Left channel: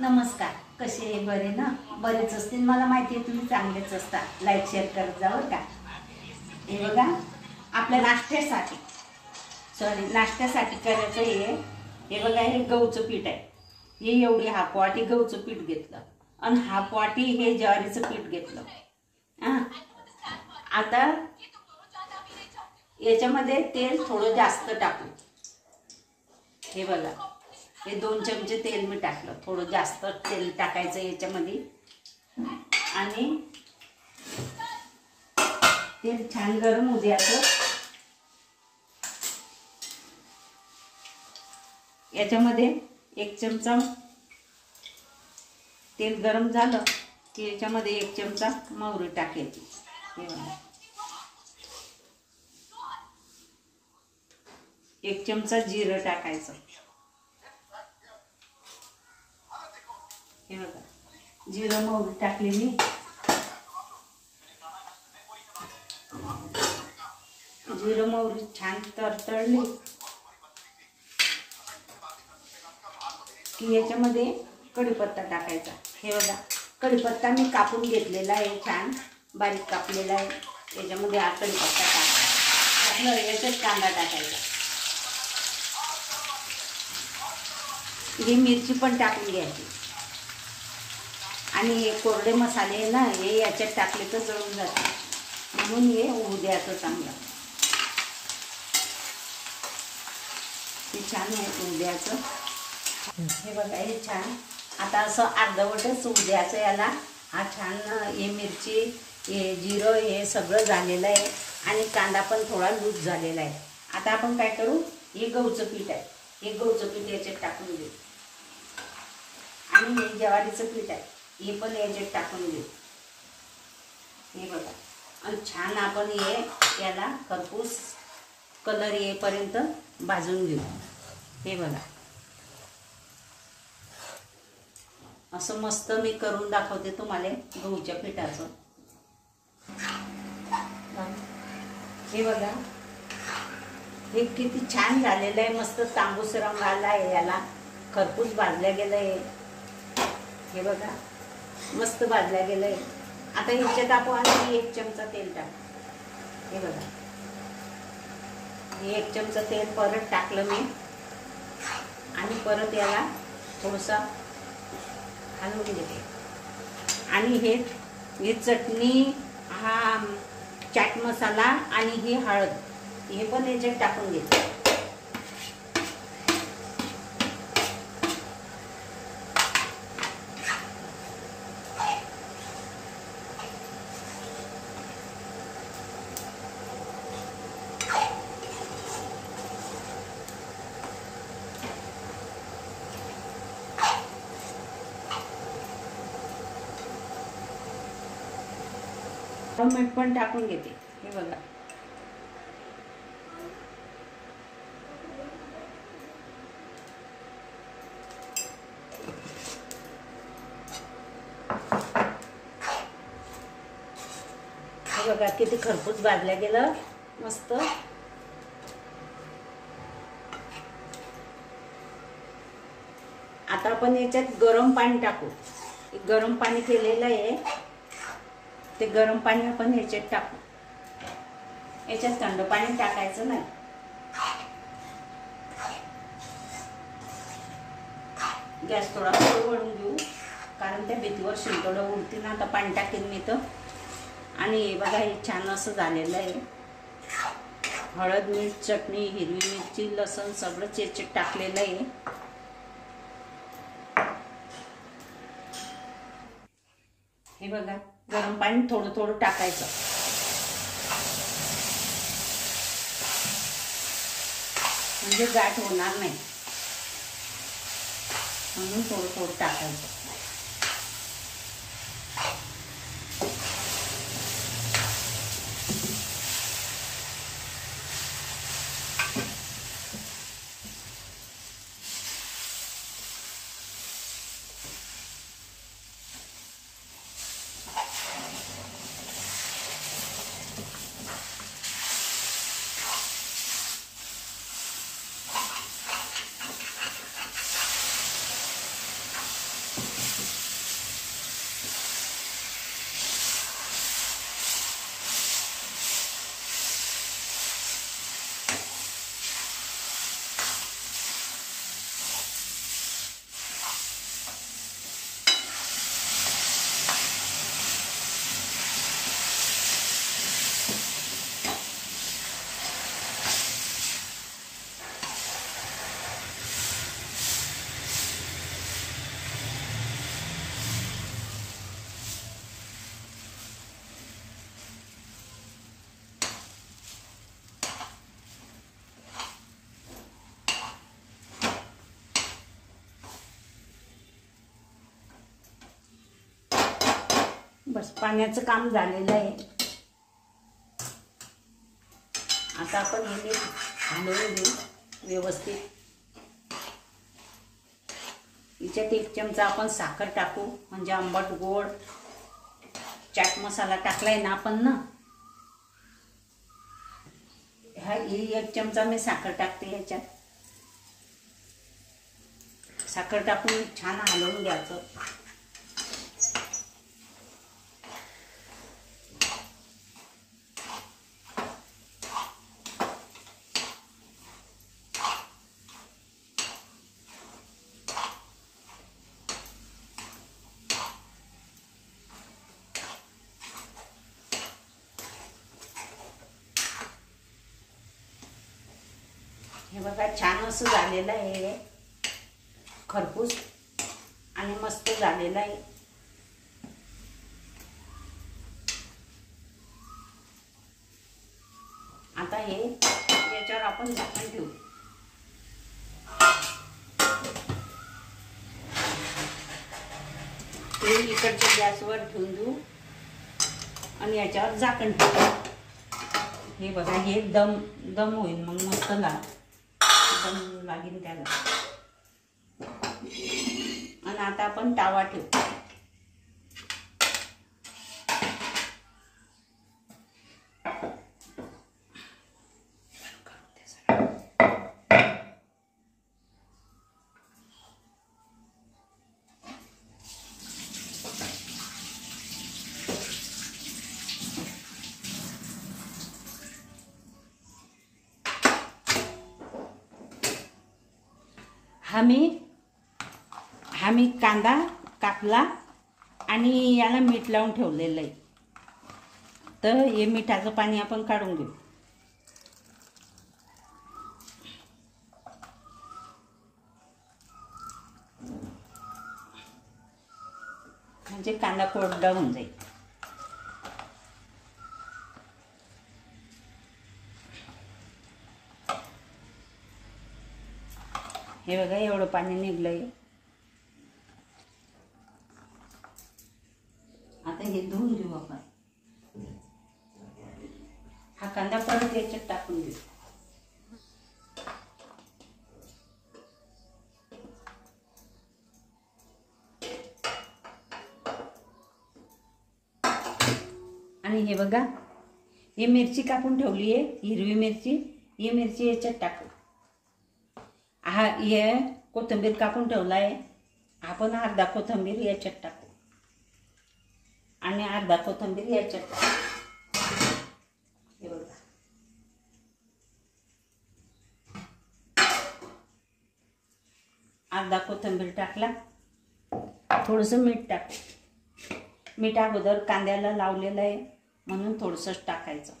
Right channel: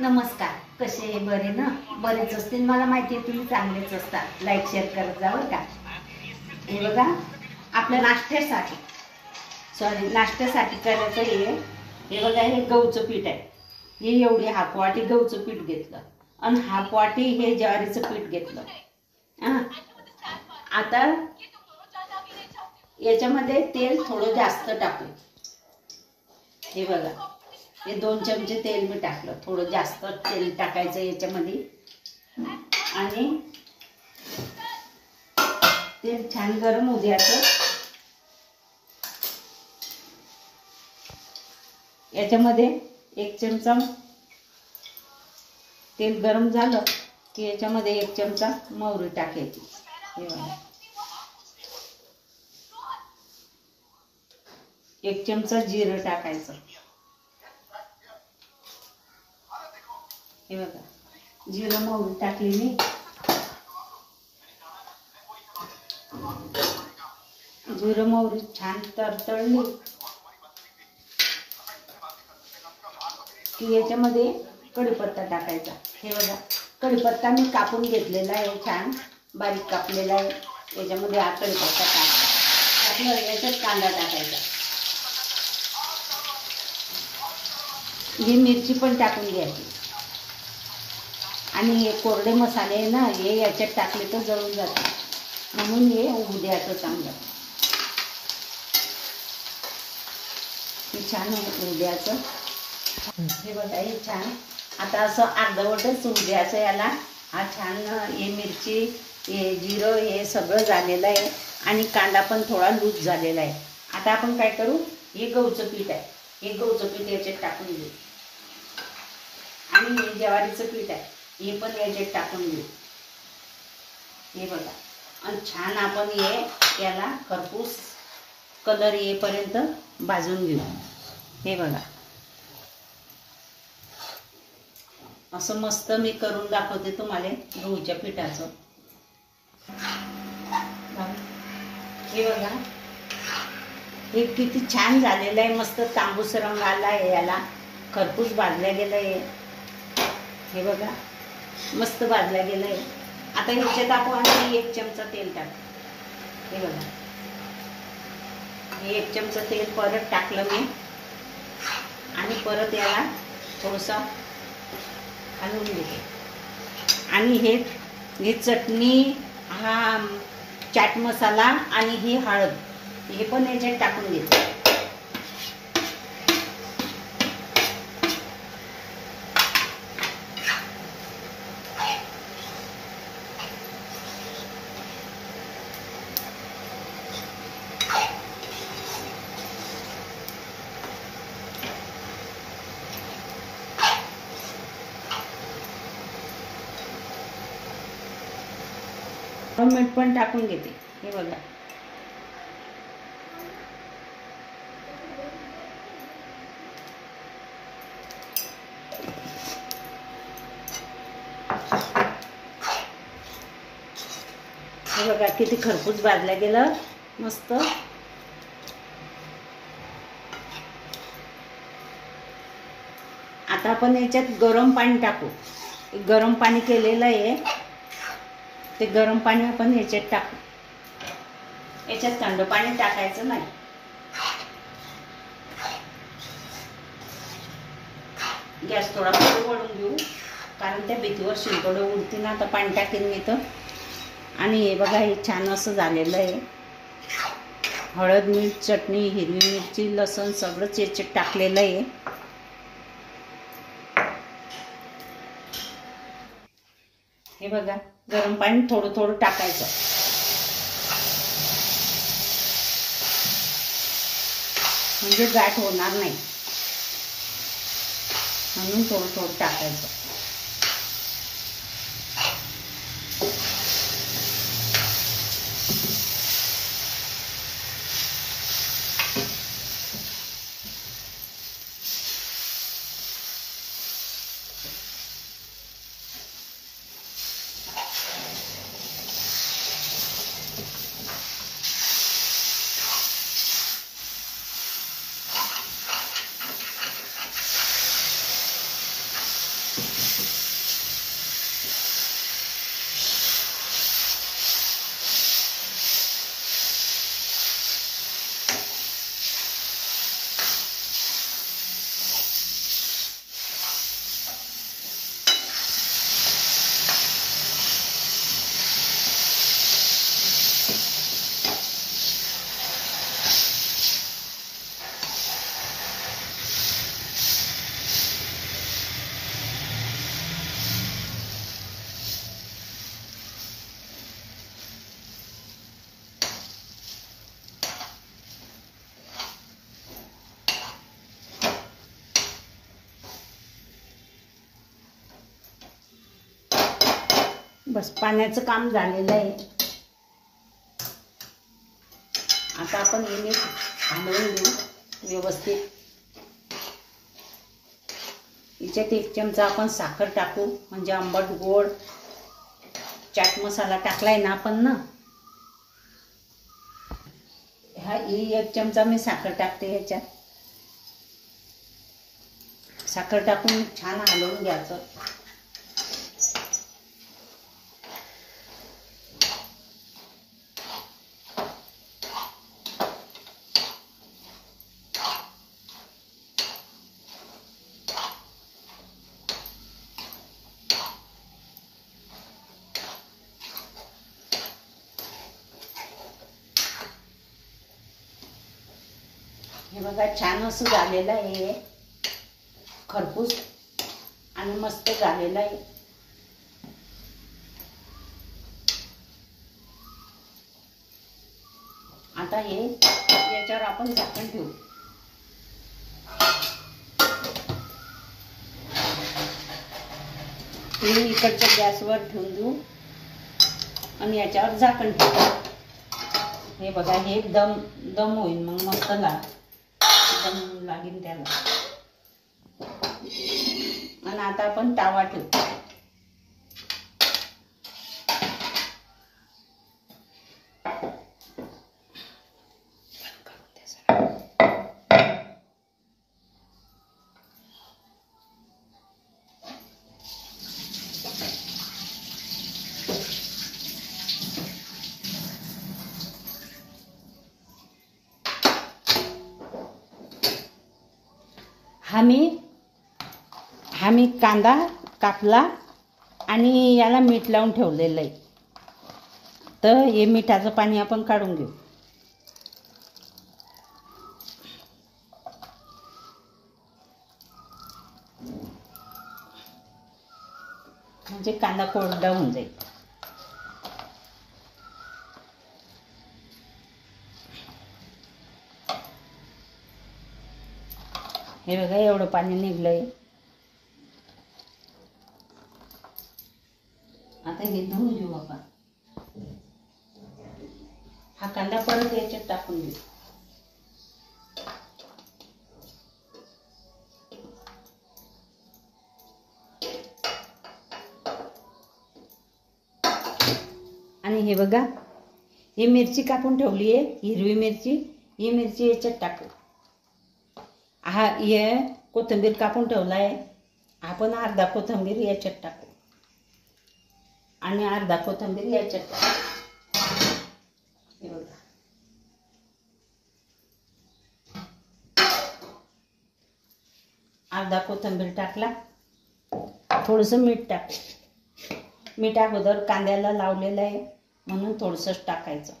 नमस्कार, कसे बरे ना? बरेच असतील, मला माहिती आहे तुम्ही चांगलेच असतात. लाईक शेअर करत जा बरं का. हे बघा, आपल्या नाश्त्यासाठी करायचं हे बघा, हे गहूचं पीठ आहे. हे एवढी हाफ वाटी गहूचं पीठ घेतलं आणि हाफ वाटी हे ज्वारीचं पीठ घेतलं. आता याच्यामध्ये तेल थोडं जास्त टाकू. हे बघा, हे 2 चमचे तेल मी टाकलं. थोडं जास्त तेल टाकायचं याच्यामध्ये आणि तेल छान गरम होऊ द्यायचं. याच्यामध्ये 1 चमचा तेल गरम झालं की याच्यामध्ये 1 चमचा मोहरी टाकायची. हे बघा, 1 चमचा जिरं टाकायचं. हे बघा, जिरं मोहरी टाकली मी. जिरं मोहरी छान तडतडली की याच्यामध्ये कढीपत्ता टाकायचा. हे बघा, कढीपत्ता मी कापून घेतलेला आहे, छान बारीक कापलेला आहे. याच्यामध्ये हा कढीपत्ता टाकला. याच्यात कांदा टाकायचा. ही मिरची पण टाकून घ्यायची. आणि हे कोरडे मसाले आहे ना, हे याच्यात टाकले तर जळून जाते, म्हणून हे होऊ द्यायचं चांगलं. हे छान होऊ द्यायचं. हे बघा, हे छान आता असं अर्धवटच होऊ द्यायचं याला. हा छान हे मिरची, हे जिरं, हे सगळं झालेलं आहे आणि कांदा पण थोडा लूज झालेला आहे. आता आपण काय करू, हे गहूचं पीठ आहे, हे गहूचं पीठ याच्यात टाकून घेऊ. आणि हे ज्वारीचं पीठ आहे, हे पण याच्यात टाकून घेऊ. हे बघा, आणि छान आपण याला खरपूस कलर येईपर्यंत भाजून घेऊ. हे बघा, असं मस्त मी करून दाखवते तुम्हाला गहूच्या पिठाचं. हे बघा, हे किती छान झालेलं आहे. मस्त तांबूस रंग आला आहे याला, खरपूस भाजल्या गेलं आहे. हे बघा, मस्त भाजल्या गेलं आहे. आता ह्याच्यात आपण 1 चमचा तेल टाकू. हे बघा, हे 1 चमचा तेल परत टाकलं मी आणि परत याला थोडंसं हलवून घेते. आणि हे चटणी, हा चाट मसाला आणि ही हळद, हे पण याच्यात टाकून घेते. मीठ पण टाकून घेते. हे बघा, हे बघा किती खरपूस भाजल्या गेलं मस्त. आता आपण याच्यात गरम पाणी टाकू. गरम पाणी केलेलं आहे, ते गरम पाणी आपण याच्यात टाकू. याच्यात थंड पाणी टाकायचं नाही. गॅस थोडा वळून घेऊ, कारण त्या भीतीवर शिंपडं उडतील ना. तर पाणी टाकेन मी तर. आणि हे बघा, हे छान असं झालेलं आहे. हळद, मीठ, चटणी, हिरवी मिरची, लसूण सगळंच याच्यात टाकलेलं आहे. हे बघा, गरम पाणी थोडं थोडं टाकायचं, म्हणजे गाठ होणार नाही, म्हणून थोडं थोडं टाकायचं. बस पाण्याचं काम झालेलं आहे. आता आपण हे मीठ हलवून घेऊ व्यवस्थित. याच्यात 1 चमचा आपण साखर टाकू, म्हणजे आंबट गोड. चाट मसाला टाकलाय ना आपण ना, हा 1 चमचा मी साखर टाकते ह्याच्यात. साखर टाकून छान हलवून घ्यायचं. हे बघा छान असं झालेलं आहे खरपूस आणि मस्त झालेलं आहे. आता हे याच्यावर आपण झाकण ठेवू. इकडच्या गॅसवर ठेवून देऊ आणि याच्यावर झाकण ठेवू. हे बघा हे दम होईल, मग मस्त दम लागेल त्याला. आणि आता आपण तवा ठेवू. हा मी कांदा कापला आणि याला मीठ लावून ठेवलेलं आहे. तर हे मिठाचं पाणी आपण काढून घेऊ. म्हणजे कांदा कोरडा होऊन जाईल. हे बघा एवढं पाणी निघलंय. आता हे धुवून घेऊ आपण. हा कांदा परत याच्यात टाकून देऊ. आणि हे बघा ही मिरची कापून ठेवली आहे, हिरवी मिरची. ही मिरची याच्यात टाकू. हा हे कोथिंबीर कापून ठेवला आहे, आपण अर्धा कोथिंबीर याच्यात टाकू आणि अर्धा कोथिंबीर याच्यात टाकू. हे बघा अर्धा कोथिंबीर टाकला. थोडंसं मीठ टाकू. मीठ अगोदर कांद्याला लावलेलं आहे म्हणून थोडंसंच टाकायचं.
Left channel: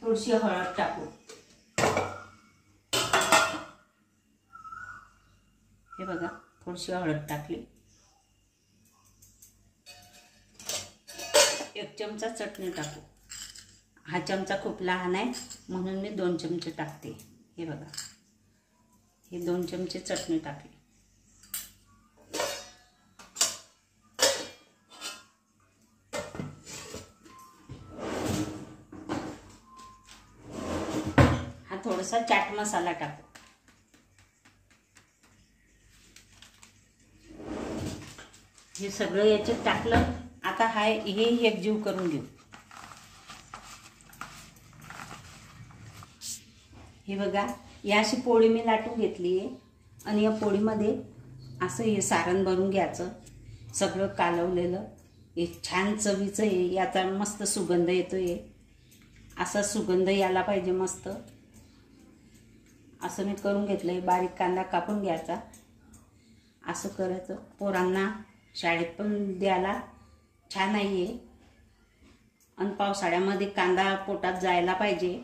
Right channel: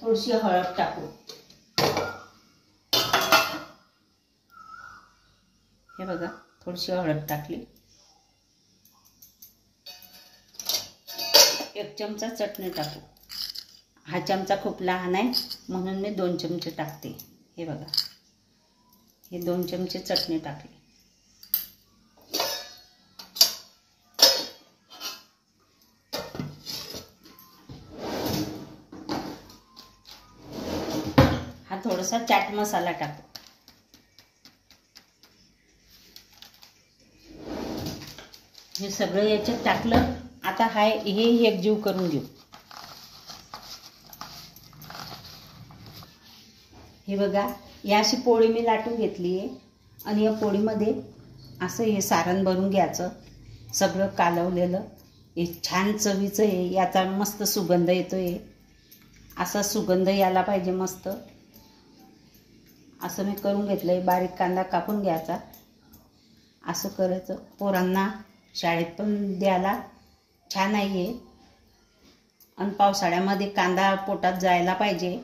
थोडीशी हळद टाकू. हे बघा थोडीशी हळद टाकली. 1 चमचा चटणी टाकू. हा चमचा खूप लहान आहे म्हणून मी 2 चमचे टाकते. हे बघा हे 2 चमचे चटणी टाकली. हा थोडासा चाट मसाला टाकू. हे सगळं याच्यात टाकलं. आता हे एकजीव करून घेऊ. हे बघा या अशी पोळी मी लाटून घेतली आहे आणि या पोळीमध्ये असं हे सारण भरून घ्यायचं. सगळं कालवलेलं हे छान चवीचं आहे. याचा मस्त सुगंध येतोय. असा सुगंध यायला पाहिजे मस्त. असं मी करून घेतलं आहे. बारीक कांदा कापून घ्यायचा. असं करायचं. पोरांना शाळेत पण द्यायला छान आहे. आणि पावसाळ्यामध्ये कांदा पोटात जायला पाहिजे.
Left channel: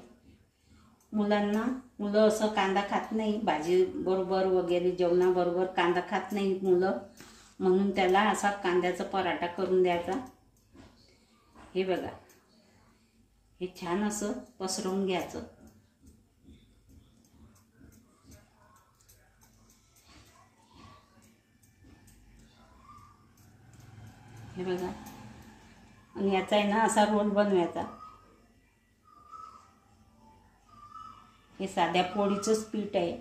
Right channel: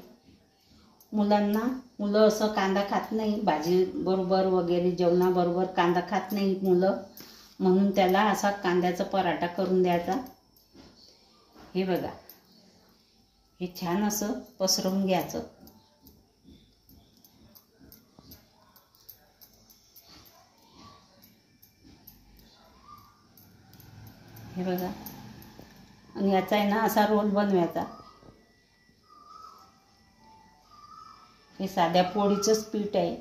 मुलं असं कांदा खात नाही. भाजी बरोबर वगैरे जेवणाबरोबर कांदा खात नाही मुलं, म्हणून त्याला असा कांद्याचा पराठा करून द्यायचा. हे बघा हे छान असं पसरवून घ्यायचं. हे बघा. आणि याचा आहे ना असा रोल बनवायचा. हे साध्या पोळीचंच पीठ आहे.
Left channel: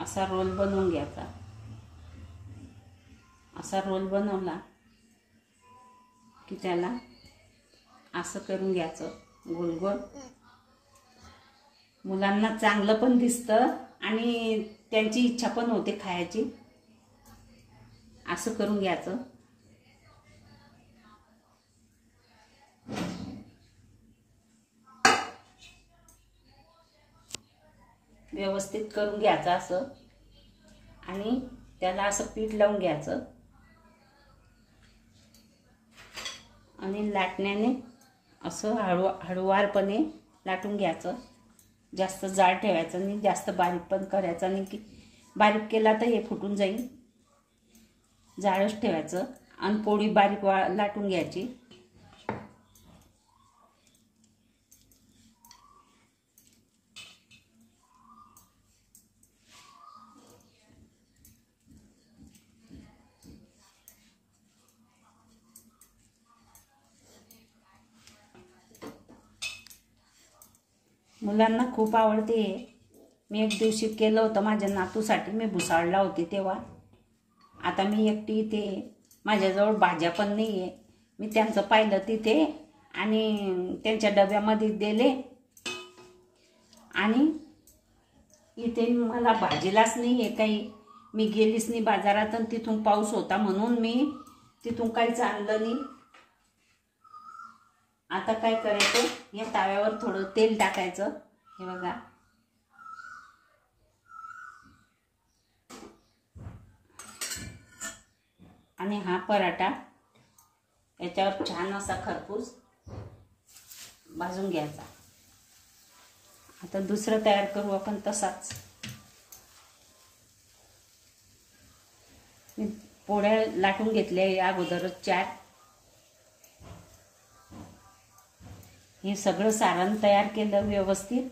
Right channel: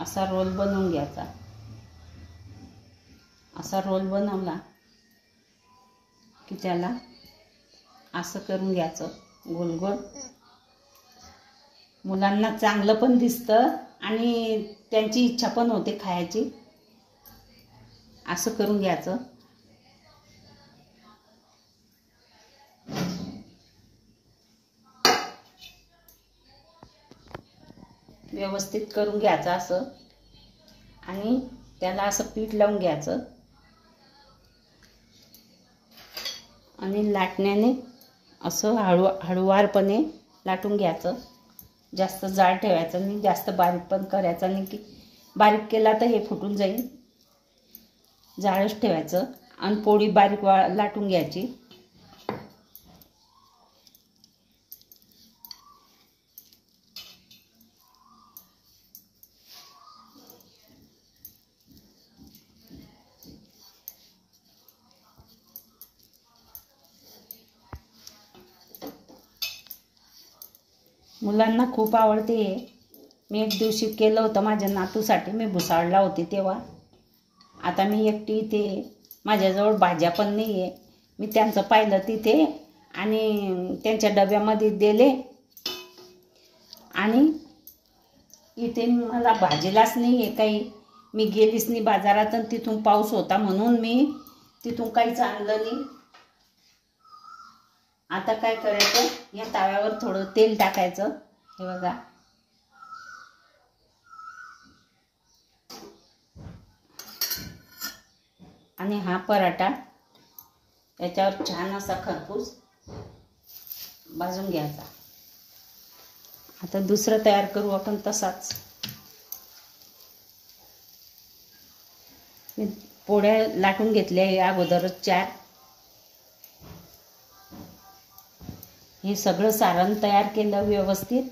असा रोल बनवून घ्यायचा. असा रोल बनवला की त्याला असं करून घ्यायचं गोल गोल. मुलांना चांगलं पण दिसतं आणि त्यांची इच्छा पण होते खायची. असं करून घ्यायचं. व्यवस्थित करून घ्यायचं असं आणि त्याला असं पीठ लावून घ्यायचं आणि लाटण्याने असं हळूवारपणे लाटून घ्यायचं. जास्त जाड ठेवायचं नाही, जास्त बारीक पण करायचं नाही की बारीक केला तर हे फुटून जाईल. जाडच ठेवायचं आणि पोळी बारीक लाटून घ्यायची. मुलांना खूप आवडते. मी एक दिवशी केलं होतं माझ्या नातूसाठी. मी भुसावळला होती तेव्हा. आता मी एकटी इथे, माझ्याजवळ भाज्या पण नाही आहे. मी त्यांचं पाहिलं तिथे आणि त्यांच्या डब्यामध्ये दिले. आणि इथे मला भाजीलाच नाही आहे काही. मी गेलीच नाही बाजारात आणि तिथून पाऊस होता म्हणून मी तिथून काहीच आणलं नाही. आता काय करायचं, या तव्यावर थोडं तेल टाकायचं. हे बघा. आणि हा पराठा याच्यावर छान असा खरपूस भाजून घ्यायचा. आता दुसरं तयार करू आपण तसाच. मी पोळ्या लाटून घेतल्या अगोदरच 4. हे सगळं सारण तयार केलं व्यवस्थित.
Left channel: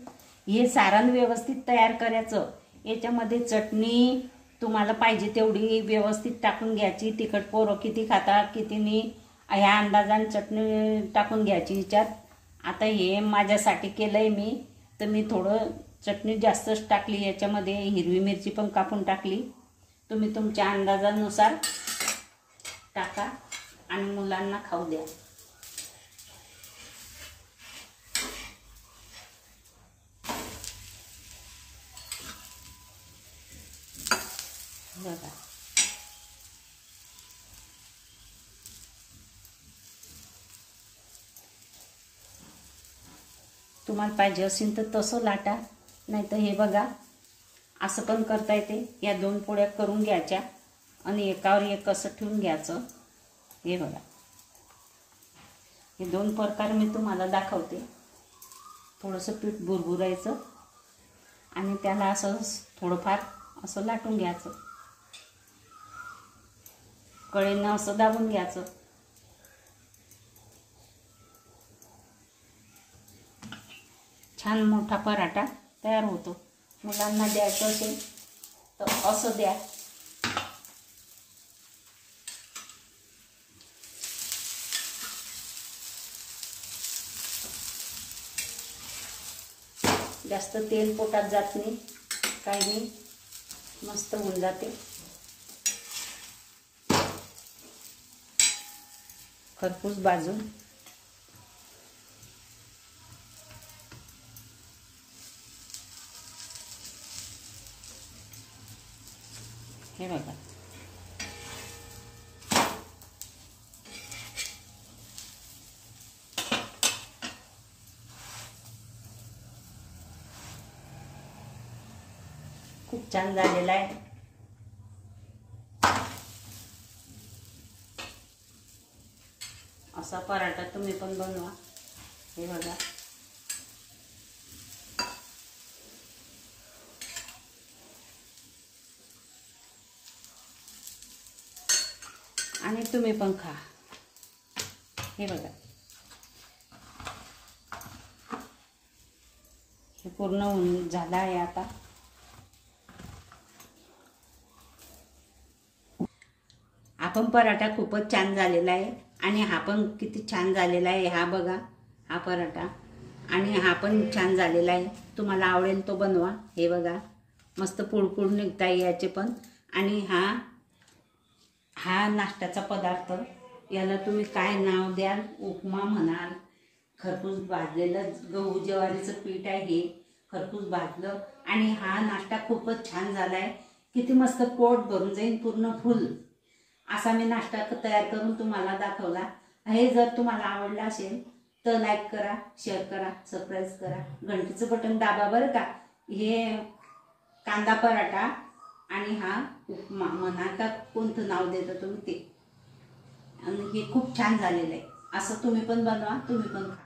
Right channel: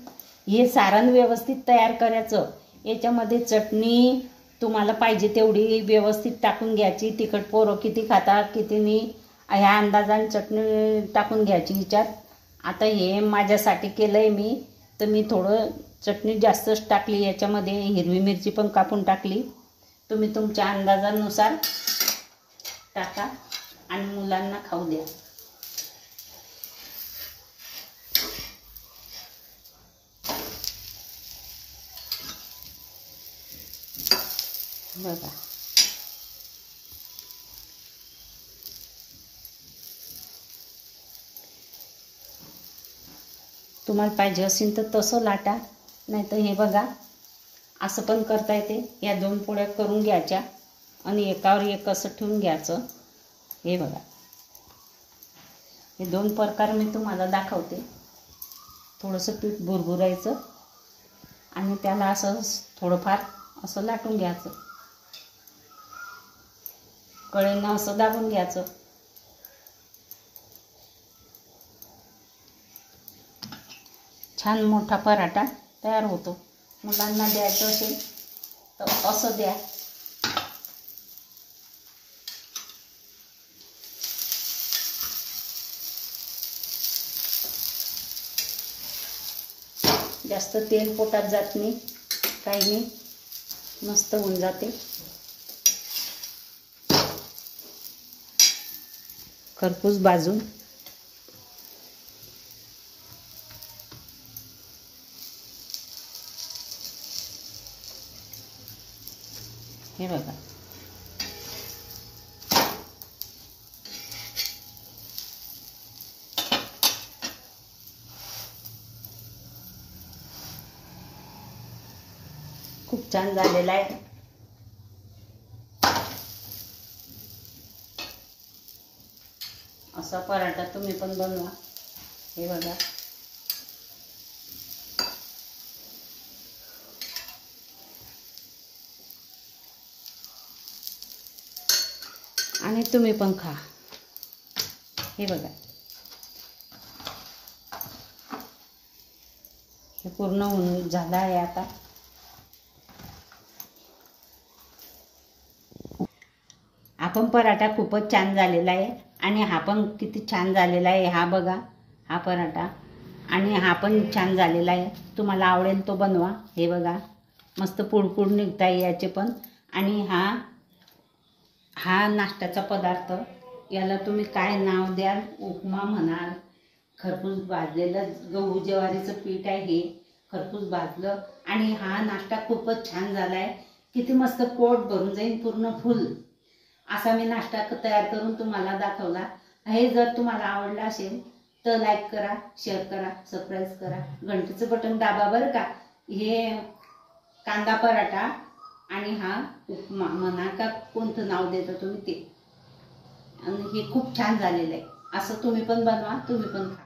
हे सारण व्यवस्थित तयार करायचं. याच्यामध्ये चटणी तुम्हाला पाहिजे तेवढी व्यवस्थित टाकून घ्यायची. तिखट पोरं किती खातात किती नाही ह्या अंदाजाने चटणी टाकून घ्यायची हिच्यात. आता हे माझ्यासाठी केलं आहे मी, तर मी थोडं चटणी जास्तच टाकली याच्यामध्ये. हिरवी मिरची पण कापून टाकली. तुम्ही तुमच्या अंदाजानुसार टाका आणि मुलांना खाऊ द्या. बघा. तुम्हाला पाहिजे असेल तर तसं लाटा, नाही तर हे बघा असं पण करता येते. या 2 पोळ्या करून घ्यायच्या आणि एकावर एक असं ठेवून घ्यायचं. हे बघा. हे 2 प्रकार मी तुम्हाला दाखवते. थोडंसं पीठ बुरबुरायचं आणि त्याला असं थोडंफार असं लाटून घ्यायचं. कळेनं असं दाबून घ्यायचं. छान मोठा पराठा तयार होतो. मुलांना द्यायचं असेल तर असं द्या. जास्त तेल पोटात जात नाही, काही नाही, मस्त होऊन जाते. खरपूस भाजून. हे बघा. खूप छान झालेला आहे. असा पराठा तुम्ही पण बनवा. हे बघा. आणि तुम्ही पण खा. हे बघा. हे पूर्ण होऊन झालं आहे आता. पण पराठा खूपच छान झालेला आहे आणि हा पण किती छान झालेला आहे. हा बघा हा पराठा आणि हा पण छान झालेला आहे. तुम्हाला आवडेल तो बनवा. हे बघा मस्त पुडपुड निघता याचे पण. आणि हा नाश्त्याचा पदार्थ, याला तुम्ही काय नाव द्याल, उपमा म्हणाल, खरपूस भाजलेलं गहू ज्वारीचं पीठ आहे हे, खरपूस भाजलं. आणि हा नाश्ता खूपच छान झाला आहे. किती मस्त पोट भरून जाईल पूर्ण फुल असा मी नाश्ता तयार करून तुम्हाला दाखवला. हे जर तुम्हाला आवडलं असेल तर लाईक करा, शेअर करा, सबस्क्राईब करा, घंटीचं बटन दाबा बरं का. हे कांदा पराठा आणि हा उपमा म्हणा का कोणतं नाव देता तुम्ही ते, आणि हे खूप छान झालेलं आहे. असं तुम्ही पण बनवा, तुम्ही पण खा.